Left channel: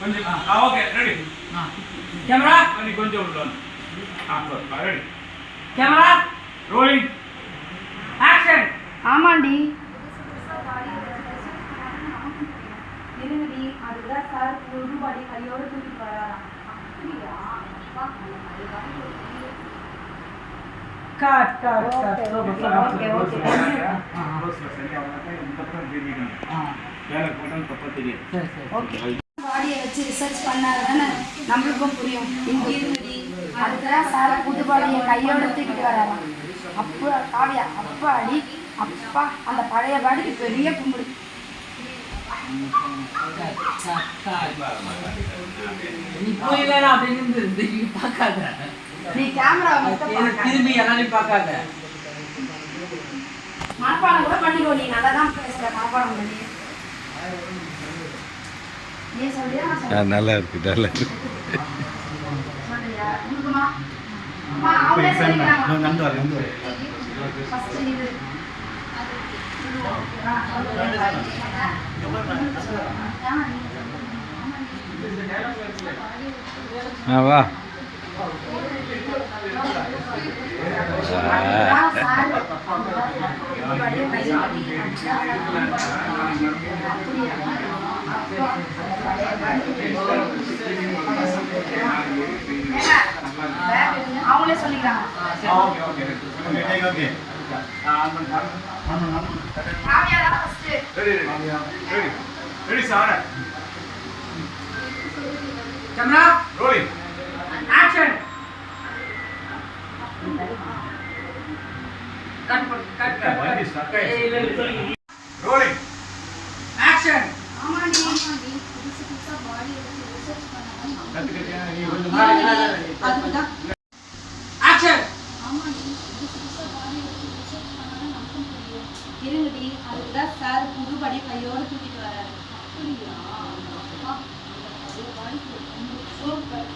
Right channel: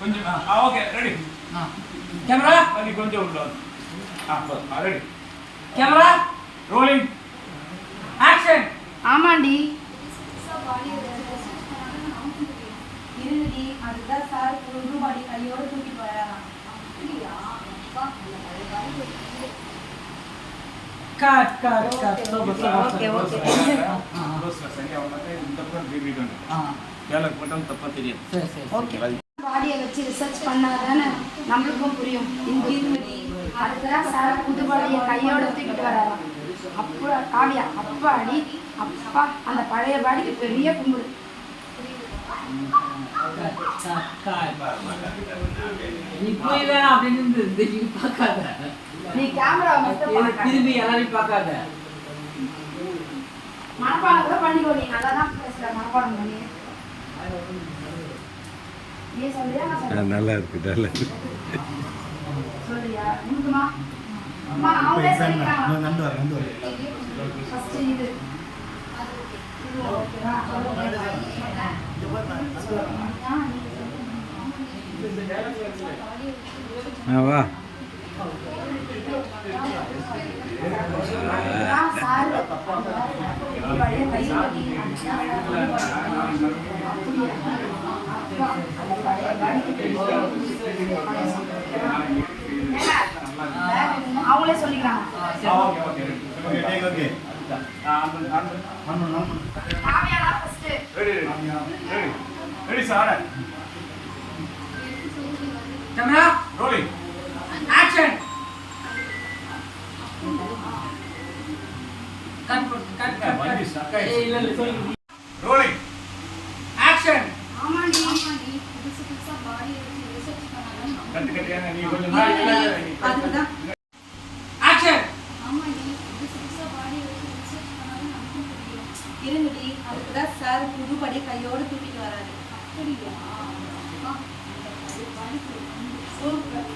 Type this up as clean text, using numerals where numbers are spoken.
கொஞ்சம் okay ready camera பண்ணி கொஞ்சம் உள்ள ரெடி கேமரா ரோலிங் ஆக்ஷன். ஆமாண்டி இருங்கடி, அதுதான் சார் ஒரு பாடி கையோடு தூக்கிட்டு வராராம். Cut cut cut. Okay okay சரியா அவங்கள இந்த பக்கம் திரும்பிட்டாங்க வேலை போட்டாலும் தப்பா தெரியும். சரி சரி ஓகே. பாடியை வச்சு ரிசர்ச் பண்ணாதானே நம்மளுக்கும் புரியும். இங்கே இருங்கடி, அதுதான் சார் புது பாடியை கையோட தூக்கிட்டு வராராம். அப்பா காவியா, அப்பா அடி அப்பா, அந்த பழைய பாடிக்கு பெரிய கும்பிடு. நீ போய் வேணாம் அப்படின்னு திரும்பி பார்க்காத. நீ கேமரா மட்டும் திரும்பி யாரையும் பார்க்காத. மனப்பாடம் கூட பண்ணிக்கோ. நீ நல்லா தான் பேசுற, மனப்பாடம் பண்ணி. நீ சொல்றியா நான் சொல்றேன்? நல்லா இருக்கு நல்லா இருக்கு. சொல்றியா? உனக்குமா? அம்மா அவங்களே சொல்லிக்கிறாங்க. நந்து வர ஃபர்ஸ்ட் இது வா அவங்களே சொல்லிக்கிறாங்க. Okay okay okay ready ready ready sir camera rolling action. Cut cut cut. வண்டி ஸ்டக் இல்ல இல்ல சொல்லுங்க. Rolling action. ஆமாண்டி புதுசா பாடி எடுத்து ரிசர்ச் பண்ணாதான் கத்துக்கிட்டே நீ கொஞ்சம் முன்னாடி அதுதான். ஆக்ஷன். ஆமாண்டி புதுசா பாடி எடுத்து ரிசர்ச் பண்ணாதான் நமக்கும் புரியும். இருங்கடி, அதுதான் சார் புது பாடி கையோடு தூக்கிட்டு வராரு. அப்படியா? சூப்பர்.